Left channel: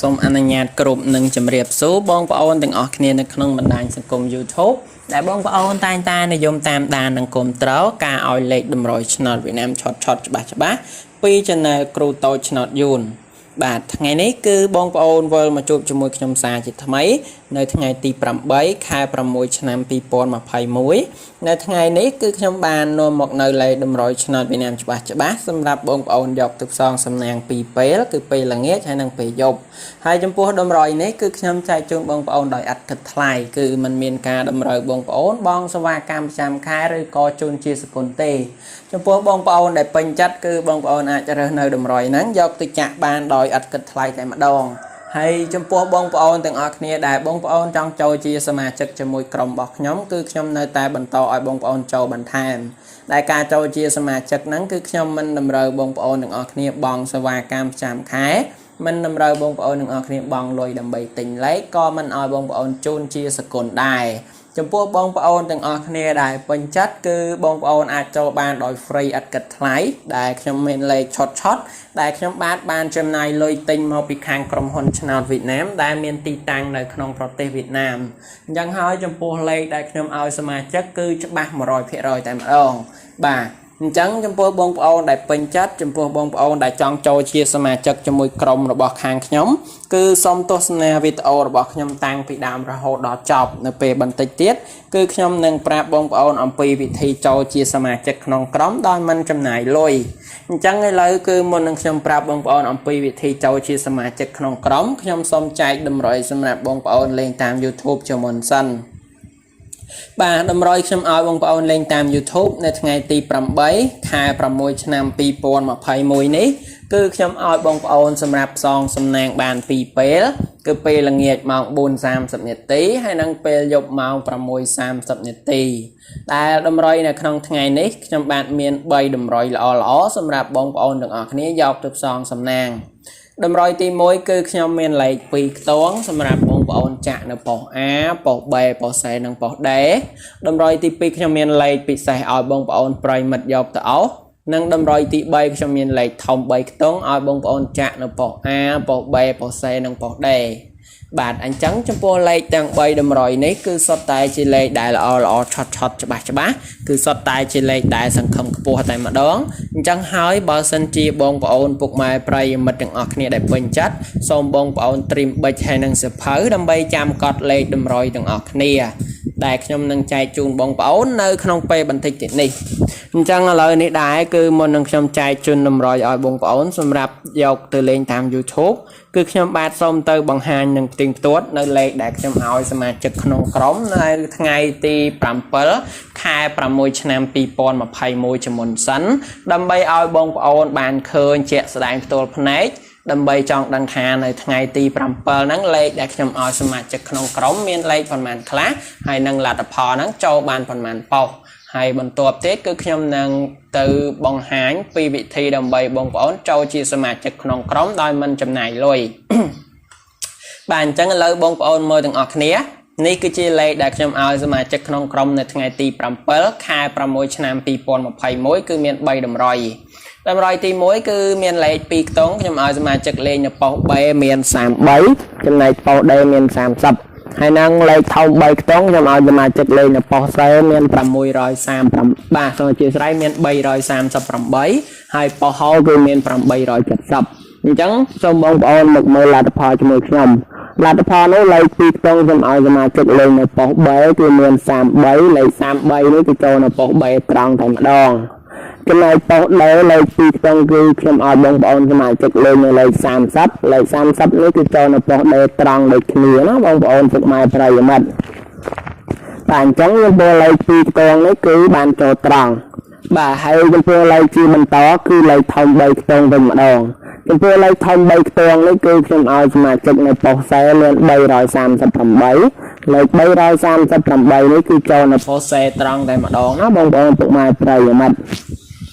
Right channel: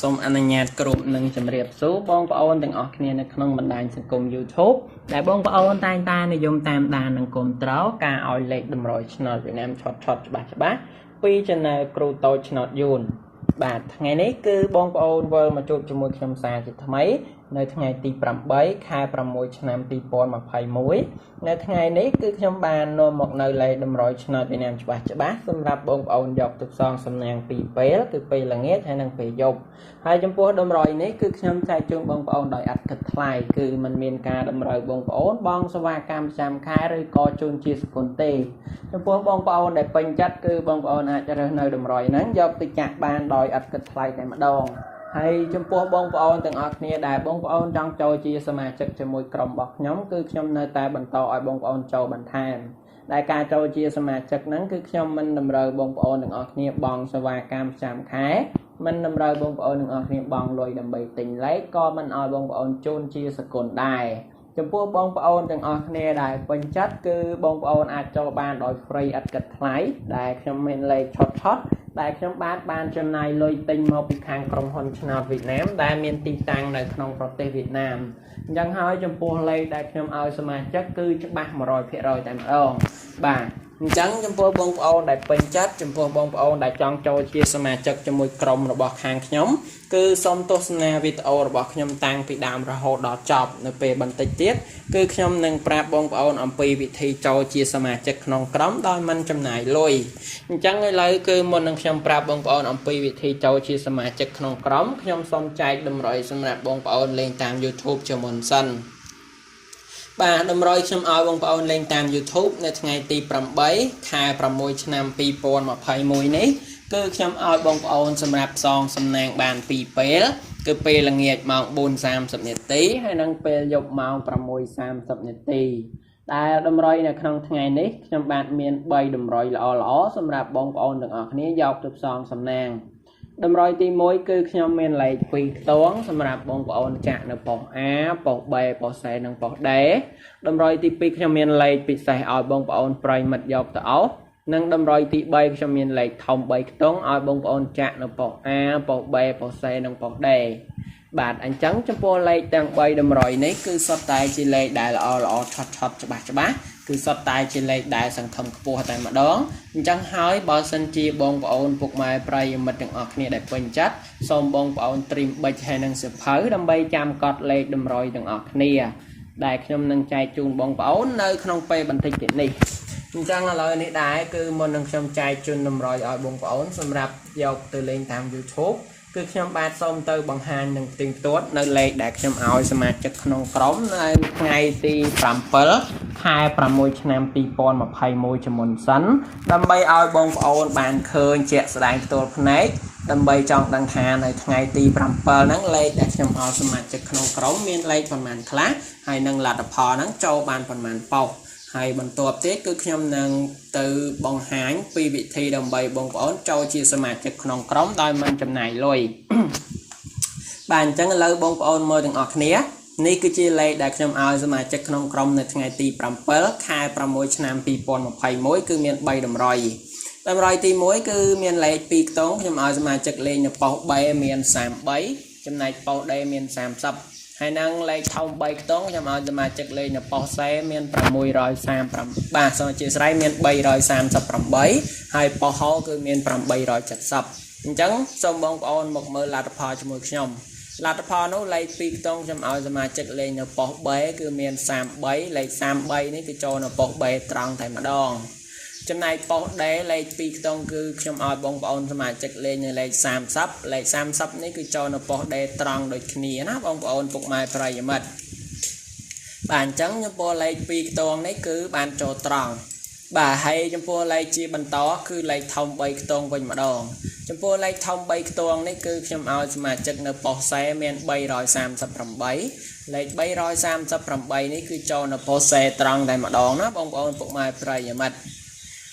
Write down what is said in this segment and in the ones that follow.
សូមអនុញ្ញាតគ្រប់នឹងជម្រាបសួរបងប្អូនទាំងអស់គ្នានៅក្នុងបណ្ដាញសង្គម YouTube ដែលបងប្អូនតែងតែនិយមតាមដាននិងគាំទ្រការឲ្យលេខតម្រុយឆ្នោតវៀតណាមឆត់ច្បាស់ពី Channel គ្រូតូចឆ្នោតយួនបាទថ្ងៃនេះគឺបងប្អូនវិលមកជួបជាមួយខ្ញុំសាជាថ្មីនៅថ្ងៃទី 8 ខែ 6 ឆ្នាំ 2021 នៅថ្ងៃនេះគឺខ្ញុំបាននាំមកនៅលេខតម្រុយឆ្នោតវៀតណាមច្បាស់សម្រាប់បងប្អូនយកទៅផ្សងសំណាងពីរពេលគឺពេលល្ងាចហើយនិងពេលយប់ហើយចំពោះតម្រុយនេះគឺខ្ញុំចែកជូនបងប្អូនដោយឥតគិតថ្លៃគឺมันមានការតម្រូវបងប្អូនបងសេវាកម្មប្រចាំខែឬក៏ជូនជាសកុនទេចំពោះបងប្អូនដែលពេញចិត្តគឺបងប្អូនអាចរើសនៅតម្រុយហ្នឹងយកទៅចាក់បានដោយឥតគិតថ្លៃតែម្ដងហើយចំពោះបងប្អូនទាំងអស់គ្នាដែលបងប្អូនចង់ចូលជាសមាជិកជាមួយក្រុមរបស់ខ្ញុំគឺខ្ញុំនៅតែបន្តឲ្យបងប្អូនចូលបន្ថែមដែលការចូលជាសមាជិកហ្នឹងគឺខ្ញុំមិនតម្រូវបងប្អូនទាំងអស់គ្នាបង់សេវាកម្មប្រចាំខែមិនតម្រូវបងប្អូនទាំងអស់គ្នាបង់លុយដើម្បីទិញលេខក៏មិនឲ្យបងប្អូនជូនជាសកុនដែរចំពោះបងប្អូនទាំងអស់គ្នាដែលពេញចិត្តគឺបងប្អូនអាចចូលបានដោយ free ឥតគិតថ្លៃដែលខ្ញុំមានលេខឆត់ដែលខ្ញុំបានចំណាយលុយទិញមកពីខាងក្រុមហ៊ុនឆ្នោតវៀតណាមដែលមានទីតាំងនៅក្នុងប្រទេសវៀតណាមអញ្ចឹងហើយចំពោះលេខដែលខ្ញុំឲ្យសមាជិកគឺច្បាស់ 100% តែម្ដងបាទអញ្ចឹងចំពោះបងប្អូនដែលពេញចិត្តចំពោះបងប្អូនដែលចង់ចូលជាសមាជិកជាមួយក្រុមរបស់ខាងខ្ញុំគឺសូមទស្សនាវីដេអូរបស់ខ្ញុំតាំងពីដើមរហូតដល់ចប់នៅពេលបន្តិចទៀតគឺខ្ញុំនឹងប្រាប់បងប្អូនអំពីវិធីចូលជាសមាជិកក្នុងក្រុមដោយមិនចំណាយលុយអញ្ចឹងឥឡូវគឺមុននឹងខ្ញុំប្រាប់បងប្អូនអំពីវិធីចូលជាសមាជិកក្នុងក្រុមខ្ញុំសូមចែកតម្រុយសម្រាប់បងប្អូនលេងតាម YouTube ជាមុនសិនបាទតម្រុយខ្ញុំឲ្យបងប្អូនលេងតាម YouTube នៅថ្ងៃទី 8 ខែ 6 ឆ្នាំ 2021 នេះគឺខ្ញុំឲ្យបងប្អូនសម្រាប់ផ្សងសំណាងបាន2ពេលគឺពេលល្ងាចម៉ោង 4:30 នាទីហើយនិងពេលយប់ម៉ោង 6:30 នាទីដែលតម្រុយនៅក្នុងថ្ងៃនេះខ្ញុំបាទមាន3តម្រុយល្អសម្រាប់បងប្អូនទាំងអស់គ្នាយកទៅផ្សងសំណាងតម្រុយទី1គឺខ្ញុំមានលេខ2ខ្ទង់សម្រាប់បងប្អូនចាក់នៅប៉ុស្តិ៍ A ប៉ុស្តិ៍ B ប៉ុស្តិ៍ C និងប៉ុស្តិ៍ D តម្រុយទី2ខ្ញុំមានលេខពិសេសឲ្យបងប្អូនប្រិយមិត្តយកទៅអស់និងតម្រុយទី3ខ្ញុំមានលេខធំ3ខ្ទង់ឲ្យបងប្អូនចាក់នៅប៉ុស្តិ៍ A ប៉ុស្តិ៍ B ប៉ុស្តិ៍ C និងប៉ុស្តិ៍ D បាទអញ្ចឹងចំពោះលេខទាំង3តម្រុយនេះគឺសុទ្ធតែជាលេខដែលល្អឆត់ច្បាស់គឺសុទ្ធតែជាលេខដែលសង្ឃឹមខ្ពស់តែម្ដងអញ្ចឹងហើយបើសិនជាបងប្អូនពុកម៉ែប្រិយមិត្តទាំងអស់គ្នាដែលពេញចិត្តសូមបងប្អូនត្រៀមប៊ិចហើយនិងសៀវភៅដើម្បីចាំកត់លេខតម្រុយទាំងអស់គ្នាដែលខ្ញុំនឹងចែកជូនបងប្អូននៅក្នុងពេលបន្តិចទៀតនេះអញ្ចឹងឥឡូវនេះដែរគឺមុននឹងខ្ញុំចែកជូនតម្រុយឲ្យបងប្អូនសម្រាប់យកទៅលេងតាម YouTubeគឺខ្ញុំបាទសូមទៅបង្ហាញនឹងផ្ទៀងផ្ទាត់នៅលេខដែលខ្ញុំឲ្យសមាជិកក្នុងក្រុមនៅថ្ងៃទី7 ខែ 6 ឆ្នាំ 2021 ជាមុនសិនដើម្បីឲ្យបងប្អូនបានឃើញជាក់ស្ដែងផ្ទាល់ភ្នែកដើម្បីចង់ដឹងថានៅថ្ងៃទី7ហ្នឹងលេខដែលខ្ញុំឲ្យសមាជិកក្នុងក្រុមមានលេខប៉ុន្មានខ្លះហើយនឹងលទ្ធផលហ្នឹងចូលបានប៉ុន្មានប៉ុស្តិ៍ហើយបន្ទាប់ទៀតគឺខ្ញុំនឹងទៅបង្ហាញពីវិធីដើម្បីបងប្អូនចូលជាសមាជិកក្នុងក្រុមដោយមិនចំណាយលុយបាទអញ្ចឹងឥឡូវបងប្អូនមើលទាំងអស់គ្នានេះគឺជាលេខដែលខ្ញុំឲ្យសមាជិកក្នុងក្រុមនៅថ្ងៃទី7 ខែ 6 ឆ្នាំ 2021 គឺមាន3តម្រុយតម្រុយទី1គឺមានលេខ2ខ្ទង់ខ្ញុំឲ្យសមាជិកលេងនៅប៉ុស្តិ៍ B មាន33ចំណែកប៉ុស្តិ៍ D មាន30ហើយនឹងលេខធំ3ខ្ទង់ខ្ញុំឲ្យសមាជិកលេងនៅប៉ុស្តិ៍ C មាន638បាទសូមអធិស្ឋានមាន338ហើយប៉ុស្តិ៍ H គឺមាន870អញ្ចឹងសូមបងប្អូនមកមើលលទ្ធផលជាមួយខ្ញុំលទ្ធផលនោះលេខ2ខ្ទង់ខ្ញុំឲ្យសមាជិកលេងនៅប៉ុស្តិ៍ B គឺមាន33លេខ33នេះគឺចូលនៅប៉ុស្តិ៍ B ត្រង់តែម្ដងចំណែកប៉ុស្តិ៍ D លេខ2ខ្ទង់គឺខ្ញុំឲ្យបងប្អូនសមាជិកលេងនៅលេខ30លេខ30នេះគឺចូលនៅប៉ុស្តិ៍ D ត្រង់ដូចគ្នាណាបងប្អូនពុកម៉ែប្រិយមិត្តបាទអញ្ចឹងចំពោះលេខ2ខ្ទង់នេះគឺបានចូលត្រង់បាទហើយចំពោះលេខជាបន្តគឺលេខធំ3ខ្ទង់វិញម្ដងចំពោះលេខធំ3ខ្ទង់នេះគឺខ្ញុំឲ្យសមាជិកនៅប៉ុស្តិ៍ C មាន338លេខ338នេះគឺចូលនៅប៉ុស្តិ៍ C ត្រង់តែម្ដងណាបងប្អូនពុកម៉ែប្រិយមិត្ត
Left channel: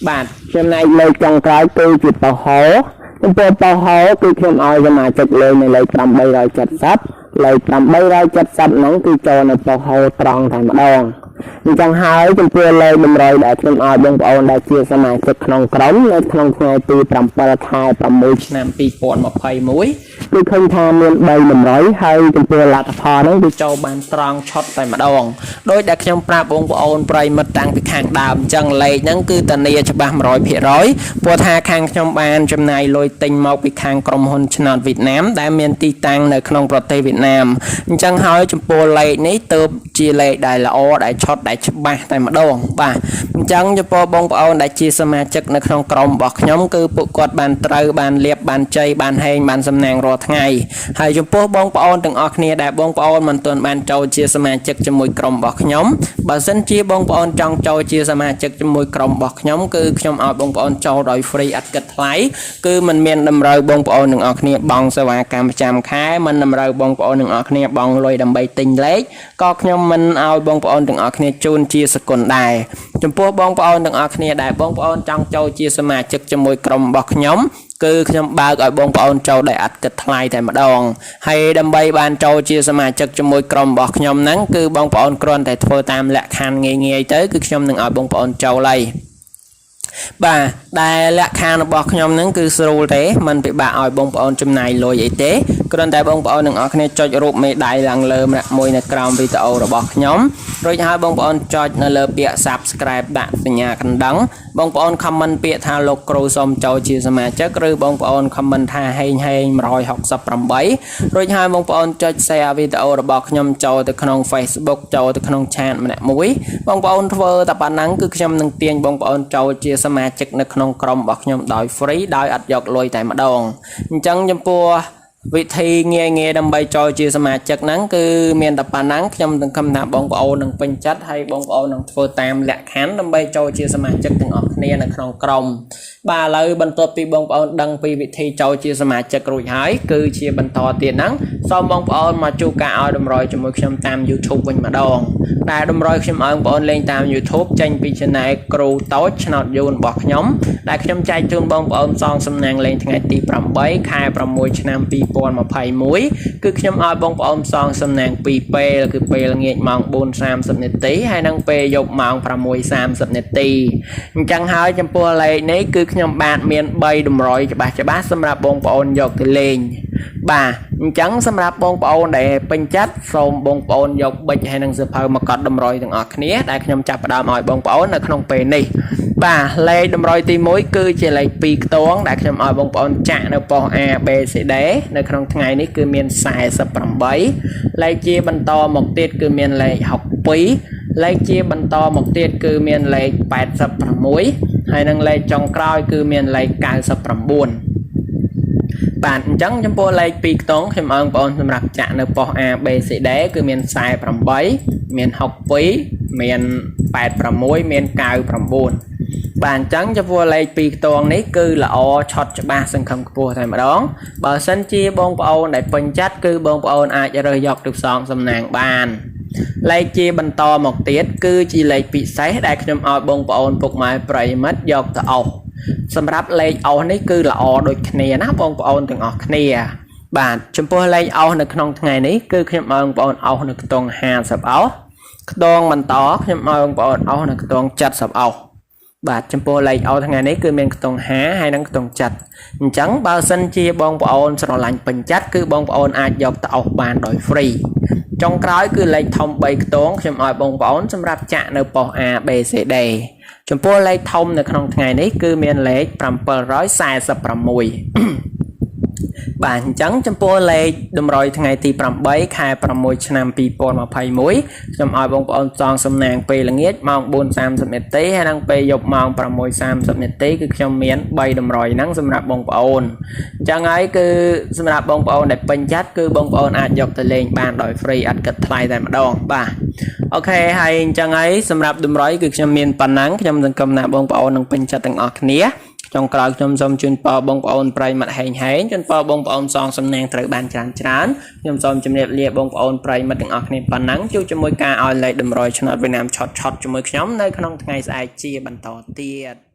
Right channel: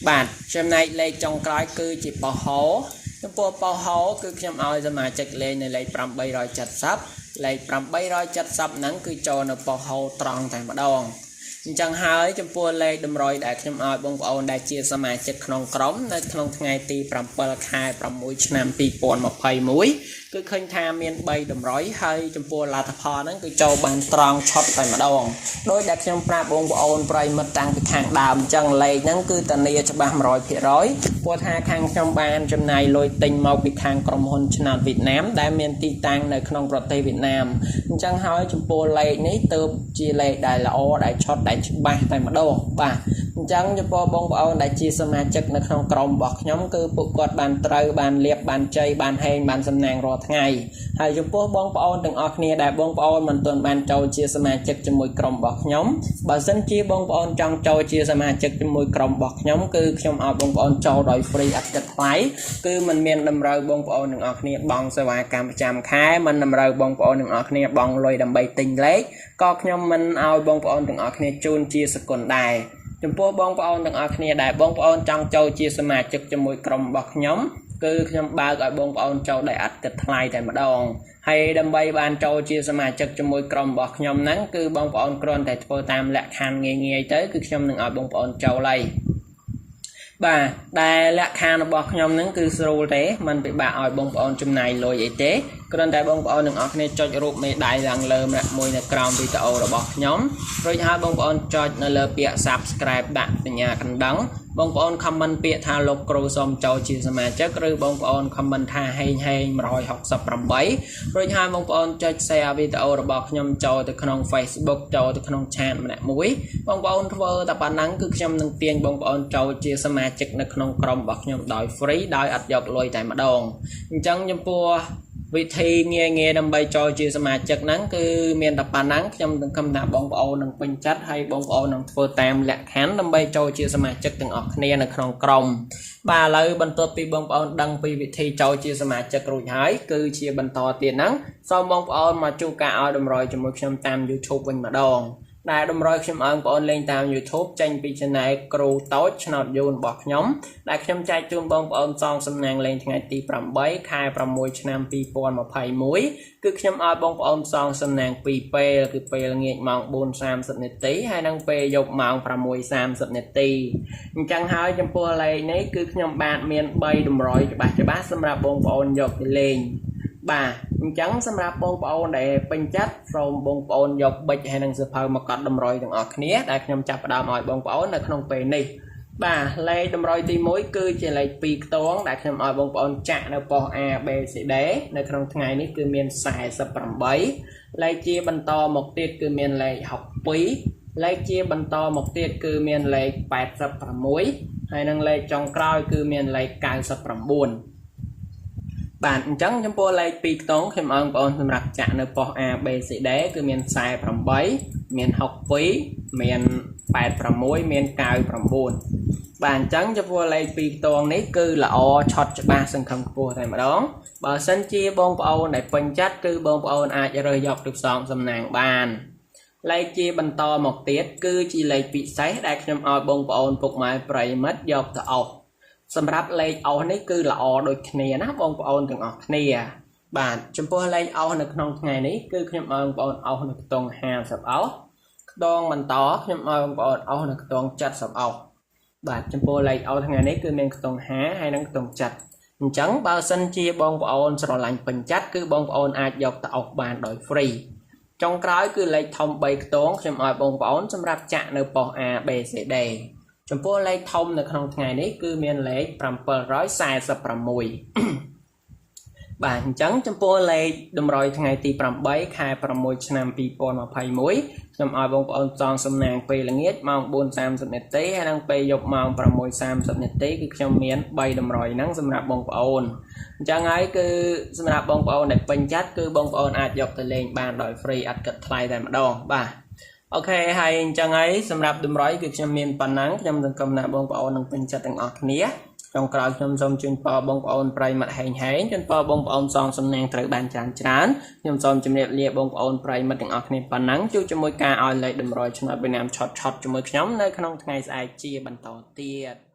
បាទចំណែកលេខចុងក្រោយគឺជាប៉ុស្តិ៍ H ចំពោះប៉ុស្តិ៍ H គឺខ្ញុំឲ្យសមាជិកលេខនៅលេខ870លេខ870ហ្នឹងគឺចូលនៅប៉ុស្តិ៍ H ត្រង់តែម្ដងអញ្ចឹងហើយចំពោះលេខតម្រុយដែលខ្ញុំឲ្យបងប្អូនដែលជាសមាជិកក្នុងក្រុមនៅក្នុងថ្ងៃទី7 ខែ 6 ឆ្នាំ 2021 ដូចឃើញថាមាន3តម្រុយហើយចំពោះលទ្ធផលហ្នឹងវាចូលបានត្រង់ឆុតតែម្ដងដោយដែលខ្ញុំប្រាប់បងប្អូនប្រិមិត្តតាំងពីខាងដើមអញ្ចឹងលេខហ្នឹងគឺតានីច្បាស់ 100% ព្រោះថាខាងខ្ញុំបានចំណាយលុយទិញមកពីខាងក្រុមហ៊ុនឆ្នោតវៀតណាមដែលមានទីតាំងនៅក្នុងប្រទេសវៀតណាមអញ្ចឹងហើយចំពោះលេខនេះទើបជាលេខដែលល្អដែលឆុតដែលច្បាស់តែម្ដងបាទអញ្ចឹងចំពោះបងប្អូនដែលជាសមាជិកនៅក្នុងក្រុមរបស់ខ្ញុំគឺពួកគាត់បានត្រូវបានលៀបបានជ័យបានហេងបានសំណាងរាល់ថ្ងៃហើយចំពោះបងប្អូនទាំងអស់គ្នាដែលបងប្អូនមិនទាន់បានចូលជាសមាជិកជាមួយក្រុមរបស់ខ្ញុំបើសិនជាបងប្អូនចង់ចូលជាសមាជិកជាមួយក្រុមរបស់ខ្ញុំគឺខ្ញុំឲ្យបងប្អូនចូលដោយ free អត់គិតថ្លៃគឺมันមានតម្រូវបងប្អូនទាំងអស់គ្នាបង់សេវាកម្មប្រចាំខែมันតម្រូវបងប្អូនទាំងអស់គ្នាបង់លុយដើម្បីទិញលេខក៏ខ្ញុំមិនឲ្យបងប្អូនទាំងអស់គ្នាជូនជាសកុនដែរចំពោះបងប្អូនទាំងអស់គ្នាដែលបងប្អូនចង់ចូលជាសមាជិកជាមួយក្រុមរបស់ខ្ញុំគឺខ្ញុំបើកឲ្យបងប្អូនចូលដោយអត់គិតថ្លៃតែម្ដងហើយដើម្បីបានចូលជាសមាជិកជាមួយក្រុមរបស់ខ្ញុំហ្នឹងគឺបងប្អូនគ្រាន់តែធ្វើតាមលក្ខខណ្ឌងាយៗទៅគឺខ្ញុំនឹងឲ្យបងប្អូនចូលហើយបាទដែលលក្ខខណ្ឌរបស់ខ្ញុំហ្នឹងគឺស្រួលទេមិនពិបាកឲ្យបងប្អូនចំណាយលុយអីទេគ្រាន់តែបងប្អូនទាំងអស់គ្នាចុចរូបមេដៃឡើងលើម្នាក់មួយនៅក្រោមវីដេអូរបស់ខ្ញុំរួចហើយបងប្អូនចុចនៅលើពាក្យ Subscribe ដាក់សញ្ញាកណ្ដឹងបងប្អូន comment ពាក្យថាលោកគ្រូសូមចូលជាសមាជិកឬបងប្អូន comment ថាហេង168រួចហើយបងប្អូនចុច share វីដេអូរបស់ខ្ញុំចូលទៅក្នុង Facebook ចូលទៅក្នុង chat ម្នាក់មួយបងប្អូនធ្វើតែប៉ុណ្ណឹងគឺខ្ញុំនឹងទាញបងប្អូនចូលជាសមាជិកនៅក្នុងក្រុមរបស់ខ្ញុំដោយ free ដោយអត់យកលុយតែម្ដងអញ្ចឹងចំពោះវិធីងាយៗដើម្បីចូលជាសមាជិកហ្នឹងគឺមានតែប៉ុណ្ណឹងខ្ញុំនឹងគំថាបងប្អូននឹងពេញចិត្តហើយបងប្អូននឹងធ្វើតាមលក្ខខណ្ឌដើម្បីចូលជាសមាជិកទាំងអស់គ្នានៅក្នុងក្រុមបាទឥឡូវបន្ទាប់ពីបងប្អូនដឹងពីវិធីចូលជាសមាជិករួចហើយគឺជាបន្តទៀតហ្នឹងសូមបងប្អូនមកជួបការឲ្យតម្រុយជាមួយខ្ញុំតាម YouTube វិញម្ដងដែលតម្រុយខ្ញុំឲ្យបងប្អូនលេងតាម YouTube ចេញពី Channel គ្រូតូចឆ្នោតយូនរបស់ខ្ញុំដែលខ្ញុំចែកជូនបងប្អូនសងសំណាងលេងថ្ងៃទី8ខែ6ឆ្នាំ2021គឺខ្ញុំឲ្យបងប្អូនសងសំណាង2ពេលគឺពេលល្ងាចម៉ោង 4:30 នាទីហើយនិងពេលយប់ម៉ោង 6:30 នាទីអញ្ចឹងហើយចំពោះលេខនេះគឺខ្ញុំបាទមាន3តម្រុយច្បាស់សម្រាប់បងប្អូនយកទៅលេងបាទអញ្ចឹងសម្រាប់បងប្អូនដែលពេញចិត្តសូមបងប្អូនយកប៊ិចហើយនិងសៀវភៅមកកត់តម្រុយទាំងអស់គ្នាដែលខ្ញុំចាប់ផ្ដើមឲ្យបងប្អូននៅក្នុងពេលនេះបាទលេខតម្រុយទី1គឺជាលេខ2ខ្ទងដែលខ្ញុំឲ្យបងប្អូនចាក់នៅប៉ុស្តិ៍ A B C D នៅក្នុងថ្ងៃនេះគឺមាន48លេខជាបន្តមកទៀតគឺមានលេខ62លេខជាបន្តមកទៀតគឺមានលេខ86ហើយនិងលេខចុងក្រោយគឺមានលេខ99បាទអញ្ចឹងចំពោះលេខ2ខ្ទង់ខ្ញុំឲ្យបងប្អូនសម្រាប់ចាក់នៅប៉ុស្តិ៍ A B C D គឺមាន48មាន62មាន86មាន99បាទអញ្ចឹងចំពោះលេខ2ខ្ទង់នេះគឺល្អឆុតច្បាស់សង្ឃឹមខ្ពស់តែម្ដងបើសិនជាបងប្អូនដែលពេញចិត្តគឺបងប្អូនអាចរើសយកទៅផ្សងសំណាងបានលេខជាបន្តមកទៀតគឺជាលេខពិសេសដែលខ្ញុំឲ្យបងប្អូនពុកម៉ែប្រិយមិត្តយកទៅអុសសម្រាប់លេខអុសនេះគឺល្អដូចគ្នាណាបងប្អូនទាំងអស់គ្នាបាទចំពោះលេខអុសនៅក្នុងថ្ងៃនេះគឺខ្ញុំឲ្យបងប្អូនអុសនៅខ្ទង់50អុសខ្ទង់បន្តខ្ញុំឲ្យបងប្អូនអុសនៅខ្ទង់70អុសបាទចំពោះលេខអុសថ្ងៃនេះគឺមានខ្ទង់50ហើយនិងខ្ទង់70អញ្ចឹងបើសិនជាបងប្អូនស្រឡាញ់ពេញចិត្តគឺបងប្អូនអាចយកទៅអុសបានដោយ free ចុងក្រោយគឺលេខធំ3ខ្ទង់ខ្ញុំឲ្យបងប្អូនសម្រាប់ចាក់នៅប៉ុស្តិ៍ A B C D ចំពោះលេខធំនៅក្នុងថ្ងៃនេះគឺមានលេខ746បាទអញ្ចឹងចំពោះលេខតម្រុយថ្ងៃទី8ខែ6ឆ្នាំ2021ខ្ញុំឲ្យបងប្អូនសងសំណាងពេលល្ងាចម៉ោង 4:30 នាទីហើយនិងពេលយប់ម៉ោង 6:30 នាទីគឺខ្ញុំមាន3តម្រុយហ្នឹងសម្រាប់បងប្អូនអញ្ចឹងហើយគឺសម្រាប់បងប្អូនដែលពេញចិត្តគឺបងប្អូនអាចយកទៅលេងបានដោយ free អត់គិតថ្លៃតែម្ដងបាទអូខេហើយអញ្ចឹងហើយសម្រាប់តម្រុយគឺខ្ញុំមានប៉ុណ្ណឹងខ្ញុំសង្ឃឹមថាបងប្អូននឹងពេញចិត្តទាំងអស់គ្នាចុងក្រោយខ្ញុំសូមជូនពរបងប្អូនប្រិយមិត្តហេងជូនពរបងប្អូនសងសំណាងត្រូវបានច្រើនខ្ញុំសូមជម្រាបលាបងប្អូនប្រិយមិត្តទាំងអស់គ្នាប៉ុណ្ណឹងជួបជាមួយការឲ្យលេខតម្រុយឆ្នោតវៀតណាមឆុតជាមួយខ្ញុំនៅក្នុងថ្ងៃស្អែកជាបន្តទៀត